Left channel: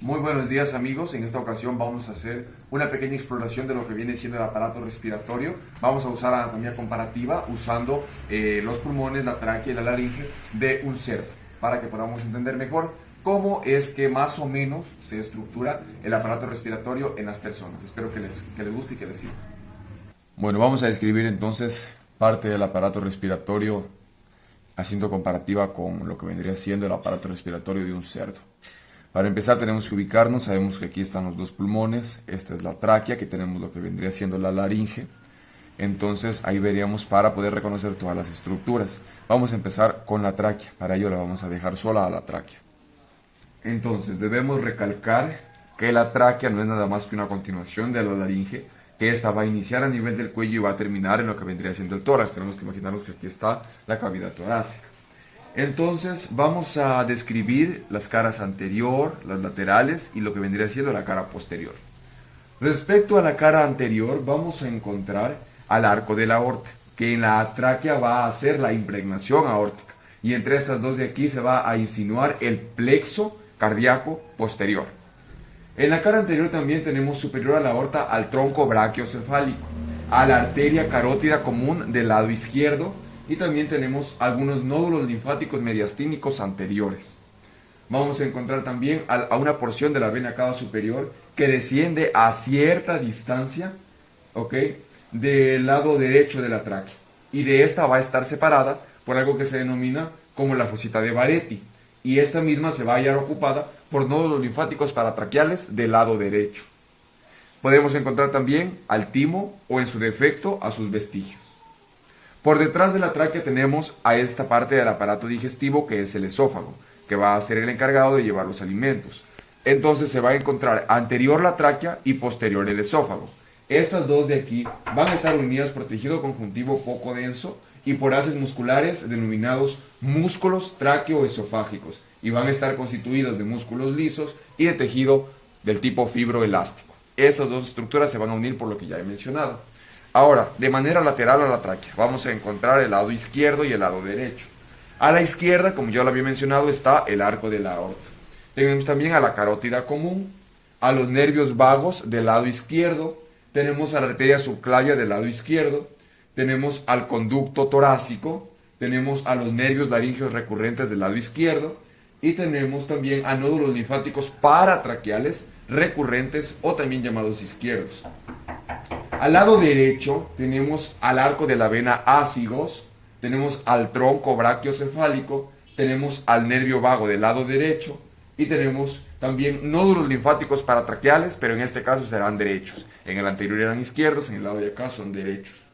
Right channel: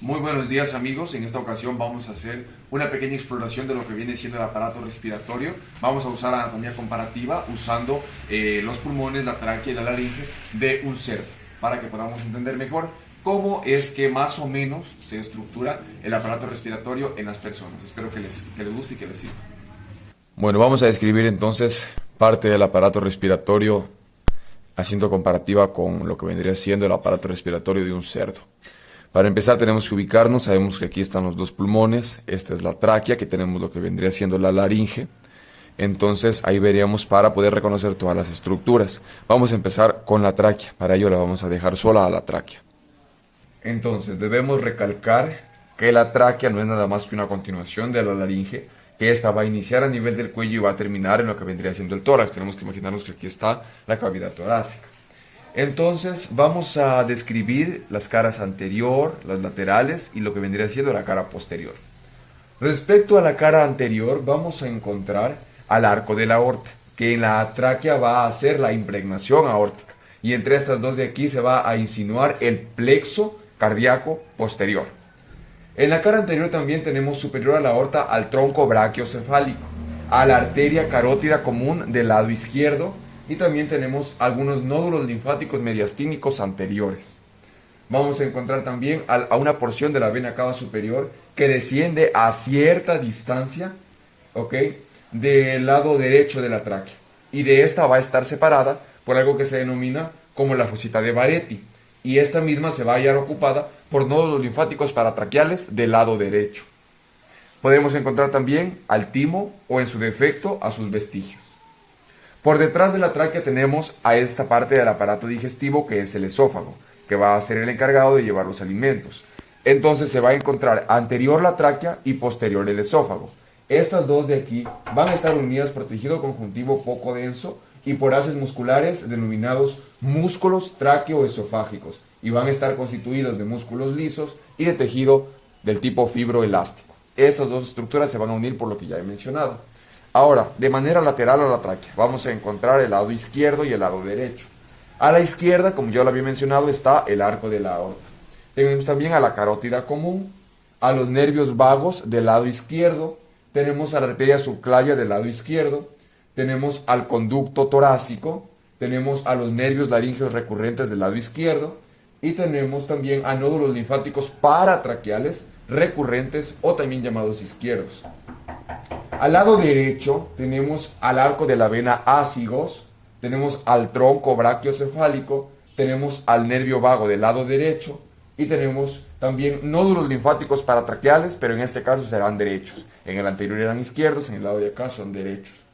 Muy buenos días amigos, en esta ocasión vamos a hacer una pequeña exploración de lo que viene siendo el aparato respiratorio. Vamos a usar anatomía comparativa usando los pulmones, la tráquea y la laringe de un cerdo para que podamos entender mejor cómo es que más o menos se estructura el aparato respiratorio en las personas. Espero que les guste y que les sirva. Bueno, vamos a describir entonces parte del aparato respiratorio haciendo comparativa con lo que vendría siendo el aparato respiratorio de un cerdo. Para empezar tenemos que ubicarnos, sabemos que aquí están los dos pulmones, esta es la tráquea, que tenemos lo que vendría siendo la laringe. Entonces ahí veríamos para poder reconocer todas las estructuras. Vamos a empezar con la tráquea, para ello la vamos a dejar sola a la tráquea. Entonces debemos recalcar que la tráquea no es nada más que una continuación de la laringe, que esta va a iniciar a nivel del cuello y va a terminar en lo que vendría siendo el tórax. Tenemos que imaginarnos que aquí está la cavidad torácica. Entonces vamos a describir las caras anterior, las laterales y lo que vendría siendo la cara posterior. Respecto a la cara anterior vamos a encontrar al arco de la aorta, que en la tráquea va a hacer la impregnación aórtica y entre estas dos de aquí se va a insinuar el plexo cardíaco posterior. En la cara anterior también tenemos superior a la aorta al tronco brachiocefálico, a la arteria carótida común del lado izquierdo, y también tenemos algunos nódulos linfáticos mediastínicos anteriores. Vamos a encontrar también a una porción de la vena cava superior que desciende a cierta distancia, ¿ok?, del lado derecho de la tráquea. Y de esta va a estar separada por algo que se denomina como la fosita de Barretti. Y esta misma se va a hallar ocupada por nódulos linfáticos paratraqueales del lado derecho. Podemos encontrar también al timo o en su defecto a sus vestigios. Por detrás de la tráquea tenemos a esta parte del aparato digestivo que es el esófago, que va a ser el encargado de llevar los alimentos. Entonces se va a encontrar anterior la tráquea y posterior el esófago. Estas dos de aquí van a estar unidas por tejido conjuntivo poco denso y por haces musculares denominados músculos tráqueo-esofágicos y van a estar constituidos de músculos lisos y de tejido del tipo fibroelástico. Esas dos estructuras se van a unir por lo que ya he mencionado. Ahora, de manera lateral a la tráquea, vamos a encontrar el lado izquierdo y el lado derecho. A la izquierda, como ya lo había mencionado, está el arco de la aorta. Tenemos también a la carótida común, a los nervios vagos del lado izquierdo, tenemos a la arteria subclavia del lado izquierdo, tenemos al conducto torácico, tenemos a los nervios laríngeos recurrentes del lado izquierdo y tenemos también a nódulos linfáticos paratraqueales recurrentes o también llamados izquierdos. Al lado derecho tenemos al arco de la vena ácigos, tenemos al tronco brachiocefálico, tenemos al nervio vago del lado derecho y tenemos también nódulos linfáticos paratraqueales, pero en este caso serán derechos. En el anterior eran izquierdos, en el lado de acá son derechos.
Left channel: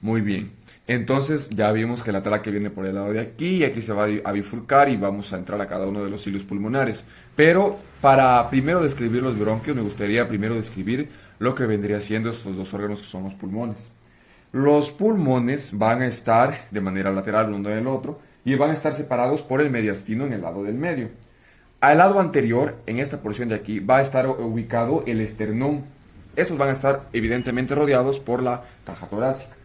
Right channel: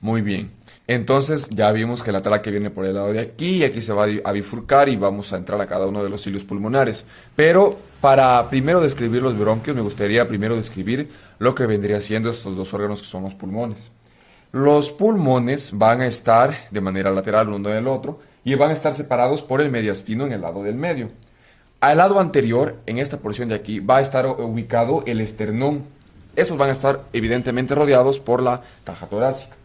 Muy bien, entonces ya vimos que la tráquea viene por el lado de aquí y aquí se va a bifurcar y vamos a entrar a cada uno de los cilios pulmonares. Pero para primero describir los bronquios me gustaría primero describir lo que vendría siendo estos dos órganos que son los pulmones. Los pulmones van a estar de manera lateral uno del otro y van a estar separados por el mediastino en el lado del medio. Al lado anterior, en esta porción de aquí, va a estar ubicado el esternón. Esos van a estar evidentemente rodeados por la caja torácica.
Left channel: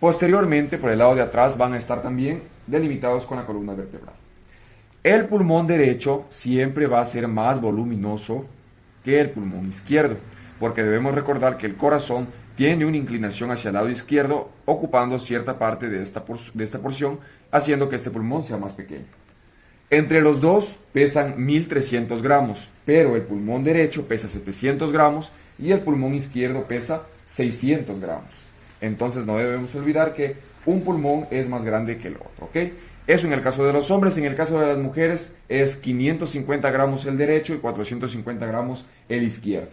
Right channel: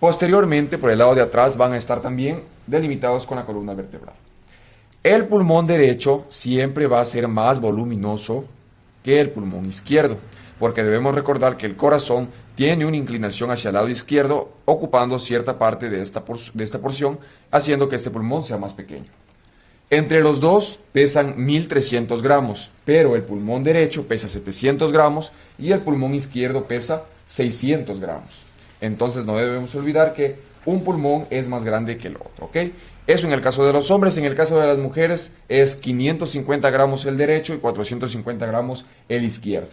Posteriormente, por el lado de atrás, van a estar también delimitados con la columna vertebral. El pulmón derecho siempre va a ser más voluminoso que el pulmón izquierdo, porque debemos recordar que el corazón tiene una inclinación hacia el lado izquierdo, ocupando cierta parte de esta porción, haciendo que este pulmón sea más pequeño. Entre los dos pesan 1300 gramos, pero el pulmón derecho pesa 700 gramos y el pulmón izquierdo pesa 600 gramos. Entonces no debemos olvidar que un pulmón es más grande que el otro, ¿ok? Eso en el caso de los hombres. En el caso de las mujeres es 550 gramos el derecho y 450 gramos el izquierdo,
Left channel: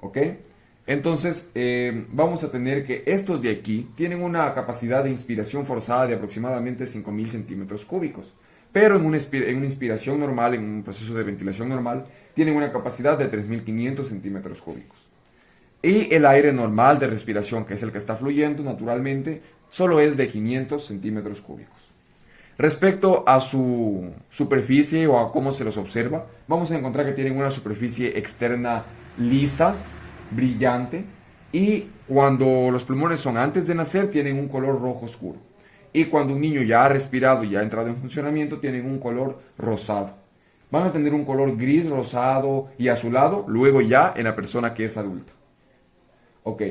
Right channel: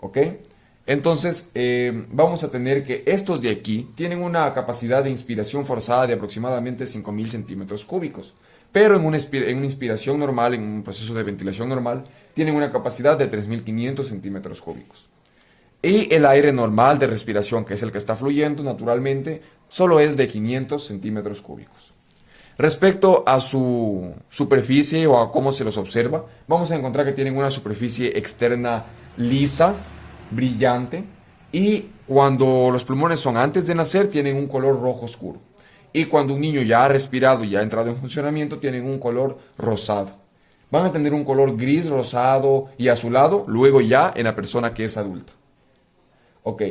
¿ok? Entonces vamos a tener que estos de aquí tienen una capacidad de inspiración forzada de aproximadamente 5000 centímetros cúbicos, pero en una inspiración normal, en un proceso de ventilación normal, tienen una capacidad de 3500 centímetros cúbicos. Y el aire normal de respiración, que es el que está fluyendo naturalmente, solo es de 500 centímetros cúbicos. Respecto a su superficie o a cómo se los observa, vamos a encontrar que tienen una superficie externa lisa, brillante, y cuando los pulmones son antes de nacer tienen un color rojo oscuro. Y cuando un niño ya ha respirado y ya ha entrado en funcionamiento tienen un color rosado. van a tener un color gris, rosado y azulado, luego ya en la persona que es adulta. Ok.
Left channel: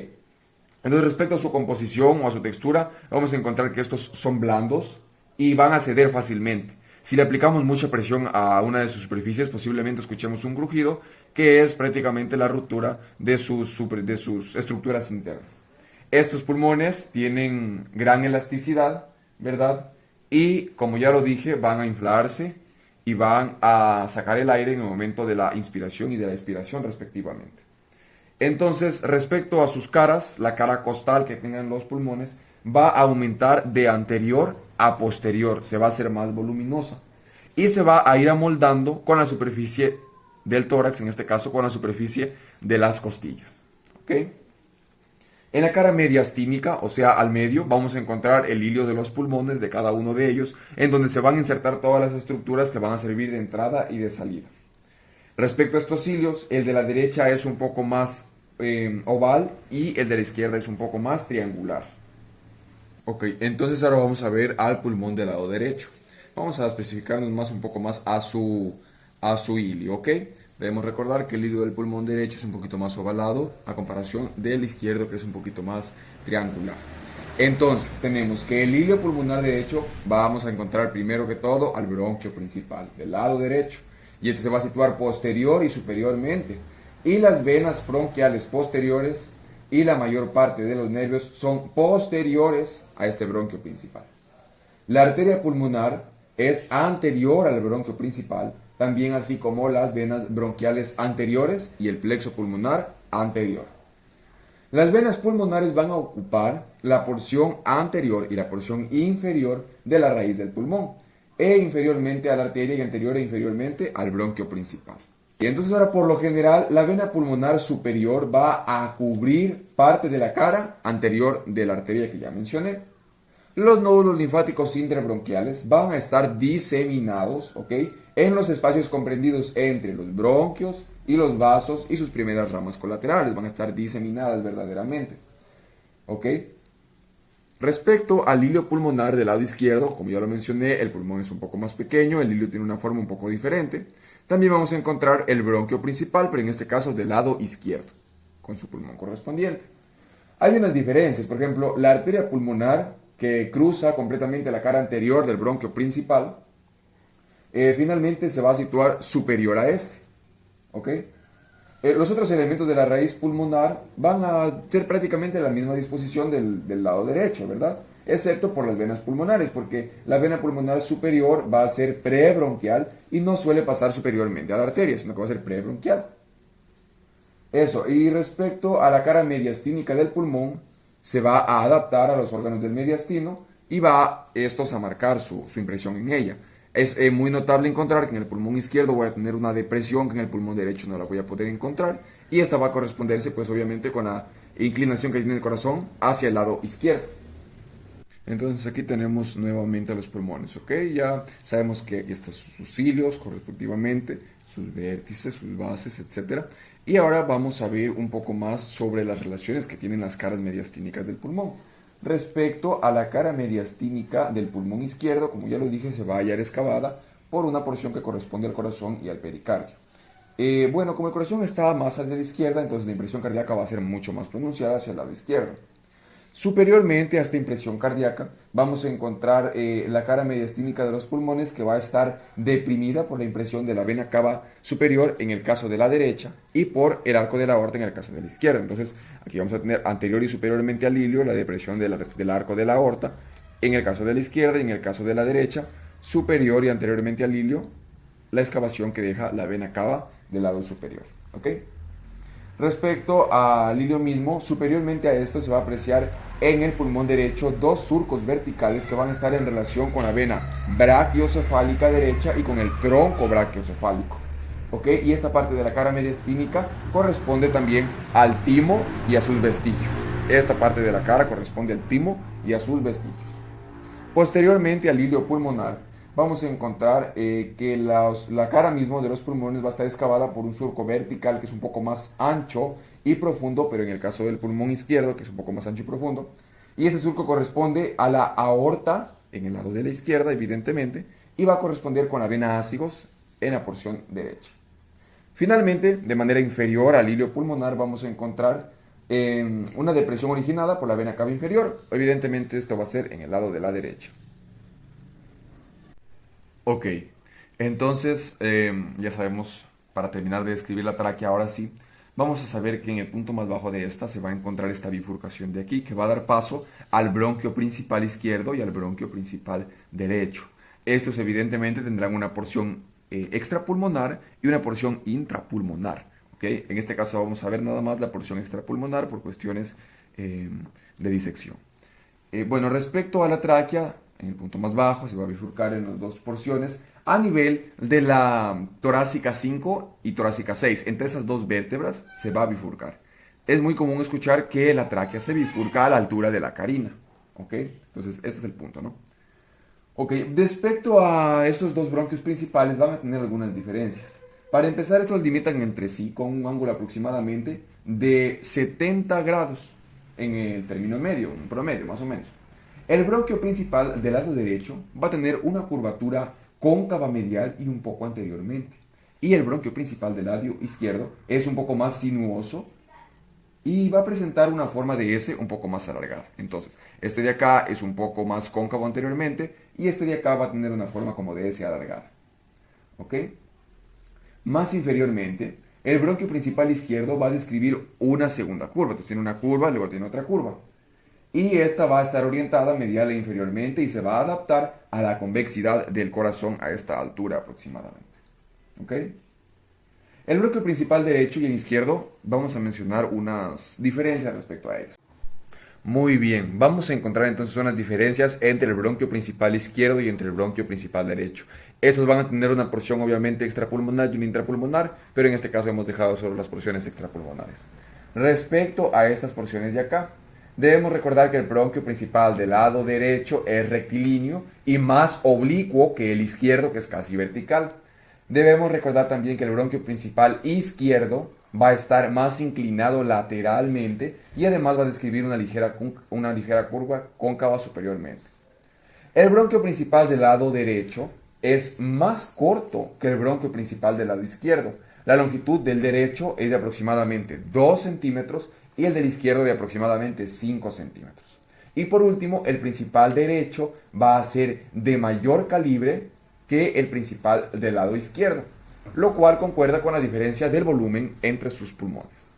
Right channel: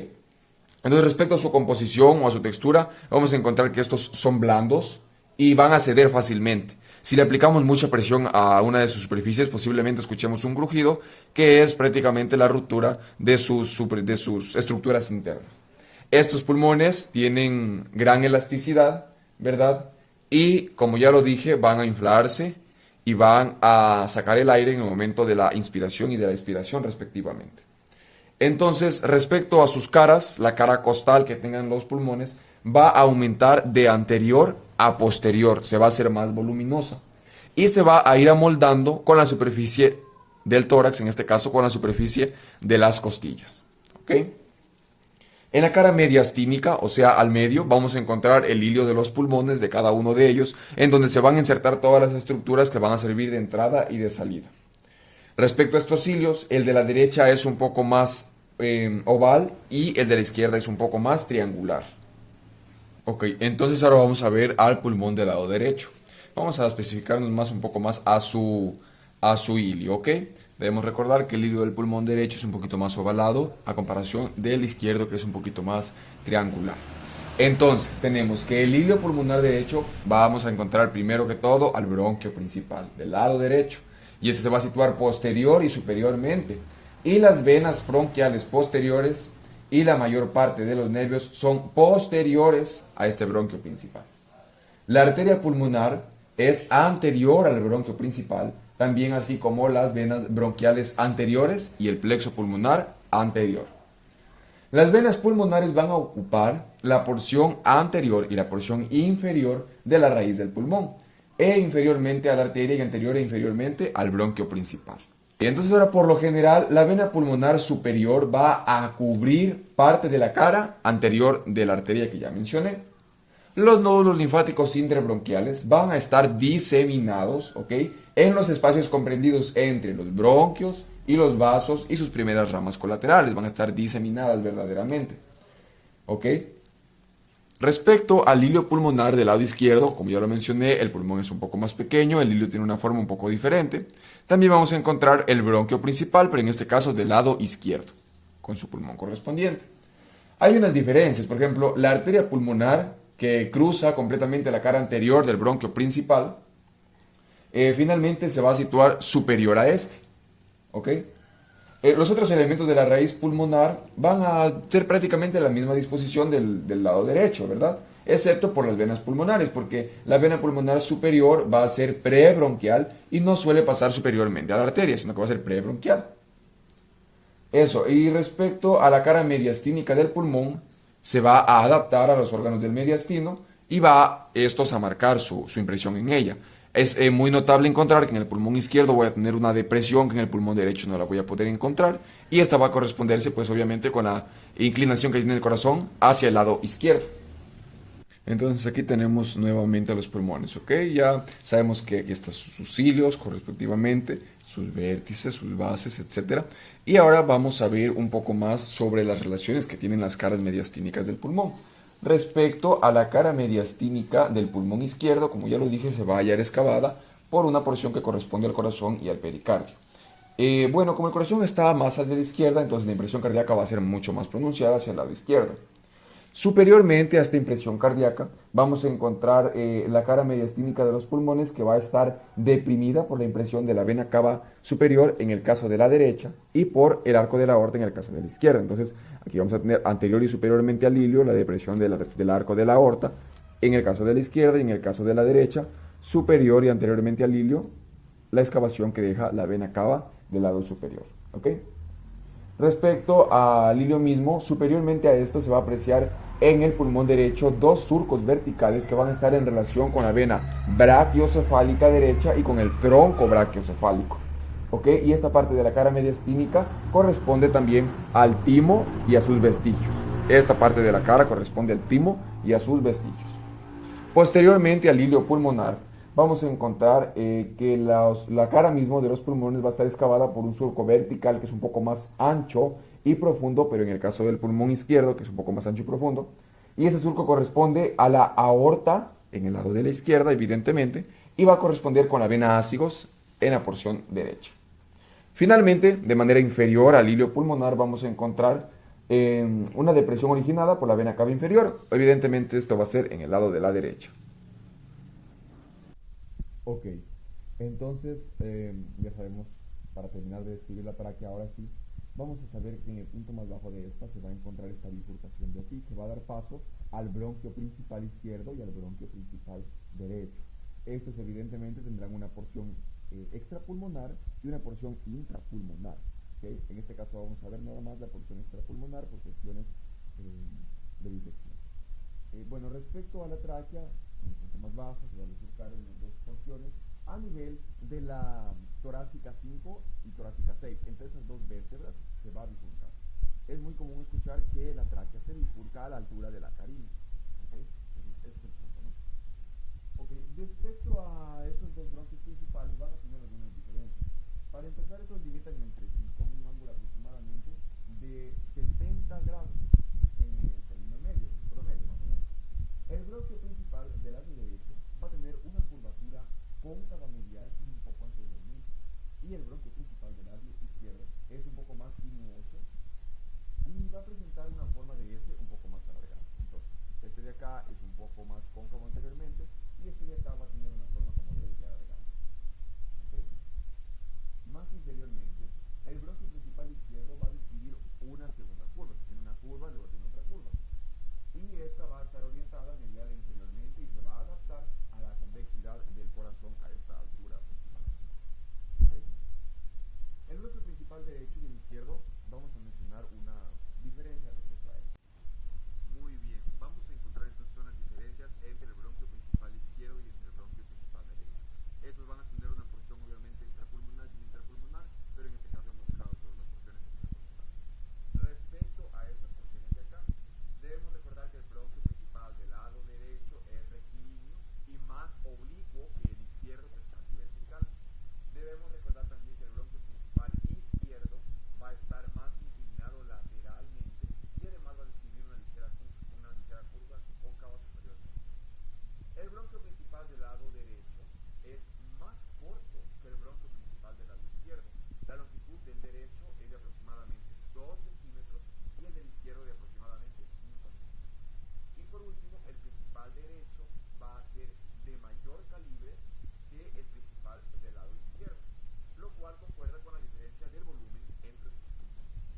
Entonces, respecto a su composición o a su textura, vamos a encontrar que estos son blandos y van a ceder fácilmente. Si le aplicamos mucha presión a una de sus superficies, posiblemente escuchemos un crujido, que es prácticamente la ruptura de de sus estructuras internas. Estos pulmones tienen gran elasticidad, ¿verdad? Y como ya lo dije, van a inflarse y van a sacar el aire en el momento de la inspiración y de la expiración respectivamente. Entonces, respecto a sus caras, la cara costal que tengan los pulmones va a aumentar de anterior a posterior, se va a hacer más voluminosa y se va a ir amoldando con la superficie del tórax, en este caso con la superficie de las costillas. ¿Ok? En la cara mediastínica, o sea, al medio, vamos a encontrar el hilio de los pulmones de cada uno de ellos, en donde se van a insertar todas las estructuras que van a servir de entrada y de salida. Respecto a estos hilios, el de la derecha es un poco más oval y el de la izquierda es un poco más triangular. Ok, entonces ahora vamos a ver al pulmón del lado derecho. Vamos a especificarnos más un poco más a su hilio, ¿ok? Debemos recordar que el hilio del pulmón derecho es un poquito más ovalado a comparación del izquierdo, que es un poquito más triangular. Entonces tenemos que el hilio pulmonar derecho vamos a encontrar primero que todo al bronquio principal del lado derecho, y este se va a situar posterior y superiormente, y las venas bronquiales posteriores y la mayor parte de los nervios son posteriores a este bronquio principal. La arteria pulmonar es anterior al bronquio principal, también así como las venas bronquiales anteriores y el plexo pulmonar anterior. Las venas pulmonares van a ocupar la porción anterior y la porción inferior de la raíz del pulmón, e inferiormente a la arteria y anterior e inferiormente al bronquio principal. Y entonces ahora, por lo general, la vena pulmonar superior va a cubrir parte de la cara anterior de la arteria que ya mencioné. Los nódulos linfáticos intrebronquiales van a estar diseminados, ¿ok?, en los espacios comprendidos entre los bronquios y los vasos y sus primeras ramas colaterales. Van a estar diseminadas verdaderamente, ¿ok? Respecto al hilio pulmonar del lado izquierdo, como ya lo mencioné, el pulmón es un poco más pequeño, el hilio tiene una forma un poco diferente. También vamos a encontrar el bronquio principal, pero en este caso del lado izquierdo, con su pulmón correspondiente. Hay unas diferencias, por ejemplo, la arteria pulmonar que cruza completamente la cara anterior del bronquio principal, finalmente se va a situar superior a este, ¿ok? Los otros elementos de la raíz pulmonar van a ser prácticamente la misma disposición del lado derecho, ¿verdad? Excepto por las venas pulmonares, porque la vena pulmonar superior va a ser prebronquial y no suele pasar superiormente a la arteria, sino que va a ser prebronquial. Eso, y respecto a la cara mediastínica del pulmón, se va a adaptar a los órganos del mediastino y va estos a marcar su impresión en ella. Es muy notable encontrar que en el pulmón izquierdo voy a tener una depresión que en el pulmón derecho no la voy a poder encontrar, y esta va a corresponderse pues obviamente con la inclinación que tiene el corazón hacia el lado izquierdo. Entonces aquí tenemos nuevamente los pulmones, ¿ok? Ya sabemos que aquí están sus cilios correspectivamente, sus vértices, sus bases, etc. Y ahora vamos a ver un poco más sobre las relaciones que tienen las caras mediastínicas del pulmón. Respecto a la cara mediastínica del pulmón izquierdo, como ya lo dije, se va a hallar excavada por una porción que corresponde al corazón y al pericardio. Bueno, como el corazón está más hacia la izquierda, entonces la impresión cardíaca va a ser mucho más pronunciada hacia el lado izquierdo. Superiormente a esta impresión cardíaca vamos a encontrar la cara mediastínica de los pulmones, que va a estar deprimida por la impresión de la vena cava superior en el caso de la derecha y por el arco de la aorta en el caso de la izquierda. Entonces aquí vamos a tener anterior y superiormente al hilio la depresión del arco de la aorta en el caso de la izquierda, y en el caso de la derecha superior y anteriormente al hilio la excavación que deja la vena cava del lado superior, ¿ok? Respecto al hilio mismo, superiormente a esto se va a apreciar en el pulmón derecho dos surcos verticales que van a estar en relación con la vena brachiocefálica derecha y con el tronco brachiocefálico, ¿ok? Y esta parte de la cara mediastínica corresponde también al timo y a sus vestigios. Esta parte de la cara corresponde al timo y a sus vestigios. Posteriormente al hilio pulmonar, vamos a encontrar que la cara mismo de los pulmones va a estar excavada por un surco vertical que es un poco más ancho y profundo, pero en el caso del pulmón izquierdo, que es un poco más ancho y profundo, y ese surco corresponde a la aorta en el lado de la izquierda, evidentemente, y va a corresponder con la vena ácigos en la porción derecha. Finalmente, de manera inferior al hilio pulmonar vamos a encontrar una depresión originada por la vena cava inferior. Evidentemente esto va a ser en el lado de la derecha. Ok, entonces ya sabemos, para terminar de describir la tráquea, ahora sí, vamos a saber que en el punto más bajo de esta se va a encontrar esta bifurcación de aquí, que va a dar paso al bronquio principal izquierdo y al bronquio principal derecho. Estos evidentemente tendrán una porción extrapulmonar y una porción intrapulmonar. ¿Okay? En este caso vamos a ver nada más la porción extrapulmonar por cuestiones de disección. Bueno, respecto a la tráquea, en el punto más bajo se va a bifurcar en las dos porciones a nivel de la torácica 5 y torácica 6. Entre esas dos vértebras se va a bifurcar. Es muy común escuchar que la tráquea se bifurca a la altura de la carina. ¿Ok? Entonces, este es el punto, ¿no? Ok, respecto a estos dos bronquios principales van a tener algunas diferencias. Para empezar, estos limitan entre sí con un ángulo aproximadamente de 70 grados en el término medio, un promedio más o menos. El bronquio principal del lado derecho va a tener una curvatura cóncava medial y un poco anteriormente. Y el bronquio principal del lado izquierdo es un poco más sinuoso y va a presentar una forma de S un poco más alargada. Entonces, este de acá es un poco más cóncavo anteriormente y este de acá va a tener una forma como de S alargada. ¿Ok? Más inferiormente, el bronquio principal izquierdo va a describir una segunda curva. Entonces tiene una curva, luego tiene otra curva. Y esta va a estar orientada medial e inferiormente y se va a adaptar a la convexidad del corazón a esta altura aproximadamente. ¿Ok? El bronquio principal derecho y el izquierdo vamos a mencionar unas diferencias respecto a ellos. Muy bien, vamos a encontrar entonces unas diferencias entre el bronquio principal izquierdo y entre el bronquio principal derecho. Estos van a tener una porción obviamente extrapulmonar y una intrapulmonar, pero en este caso hemos dejado solo las porciones extrapulmonares. Respecto a estas porciones de acá, debemos recordar que el bronquio principal del lado derecho es rectilíneo y más oblicuo que el izquierdo, que es casi vertical. Debemos recordar también que el bronquio principal izquierdo va a estar más inclinado lateralmente y además va a describir una ligera curva cóncava superiormente. El bronquio principal del lado derecho es más corto que el bronquio principal del lado izquierdo. La longitud del derecho es de aproximadamente 2 centímetros y el del izquierdo de aproximadamente 5 centímetros. Y por último, el principal derecho va a ser de mayor calibre que el principal del lado izquierdo, lo cual concuerda con la diferencia del volumen entre sus pulmones.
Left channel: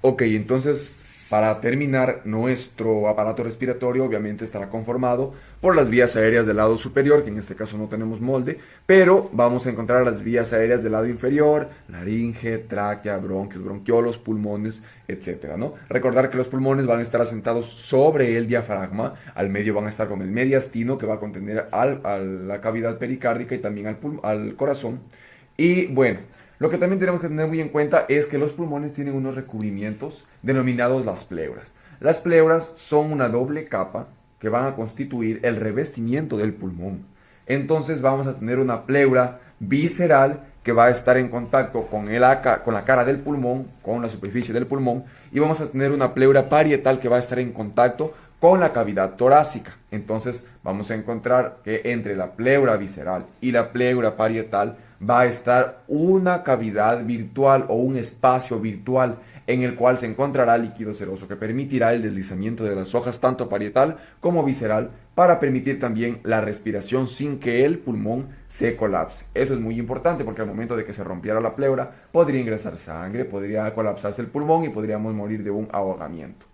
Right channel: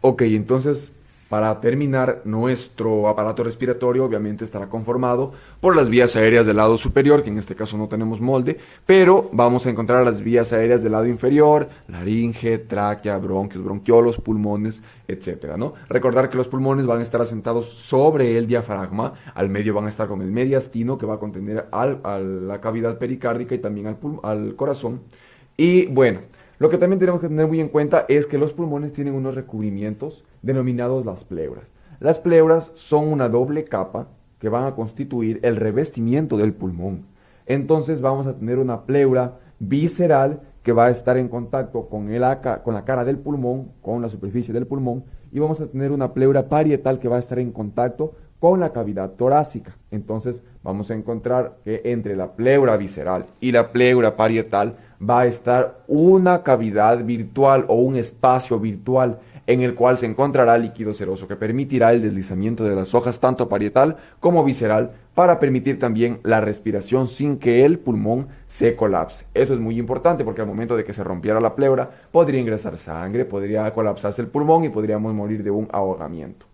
Ok, entonces para terminar, nuestro aparato respiratorio obviamente estará conformado por las vías aéreas del lado superior, que en este caso no tenemos molde, pero vamos a encontrar las vías aéreas del lado inferior, laringe, tráquea, bronquios, bronquiolos, pulmones, etcétera, ¿no? Recordar que los pulmones van a estar asentados sobre el diafragma, al medio van a estar con el mediastino que va a contener a la cavidad pericárdica y también al corazón. Y bueno, lo que también tenemos que tener muy en cuenta es que los pulmones tienen unos recubrimientos denominados las pleuras. Las pleuras son una doble capa que van a constituir el revestimiento del pulmón. Entonces vamos a tener una pleura visceral que va a estar en contacto con la cara del pulmón, con la superficie del pulmón, y vamos a tener una pleura parietal que va a estar en contacto con la cavidad torácica. Entonces vamos a encontrar que entre la pleura visceral y la pleura parietal va a estar una cavidad virtual o un espacio virtual en el cual se encontrará líquido seroso que permitirá el deslizamiento de las hojas tanto parietal como visceral para permitir también la respiración sin que el pulmón se colapse. Eso es muy importante porque al momento de que se rompiera la pleura podría ingresar sangre, podría colapsarse el pulmón y podríamos morir de un ahogamiento.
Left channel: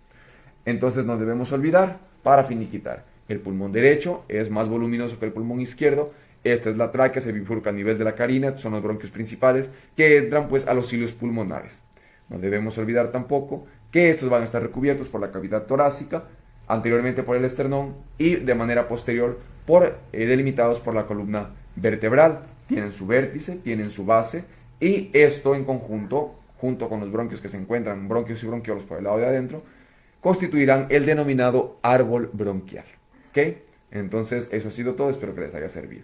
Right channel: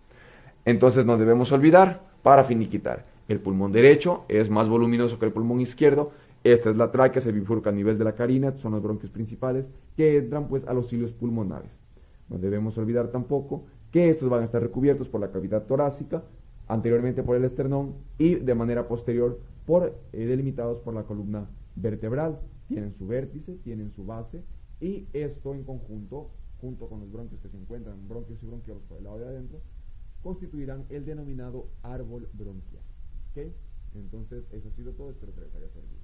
Entonces no debemos olvidar, para finiquitar, el pulmón derecho es más voluminoso que el pulmón izquierdo. Esta es la tráquea, se bifurca a nivel de la carina, son los bronquios principales que entran pues a los cilios pulmonares. No debemos olvidar tampoco que estos van a estar recubiertos por la cavidad torácica, anteriormente por el esternón y de manera posterior delimitados por la columna vertebral. Tienen su vértice, tienen su base y esto en conjunto, junto con los bronquios que se encuentran, bronquios y bronquiolos por el lado de adentro, constituirán el denominado árbol bronquial. ¿Ok? Entonces eso ha sido todo, espero que les haya servido.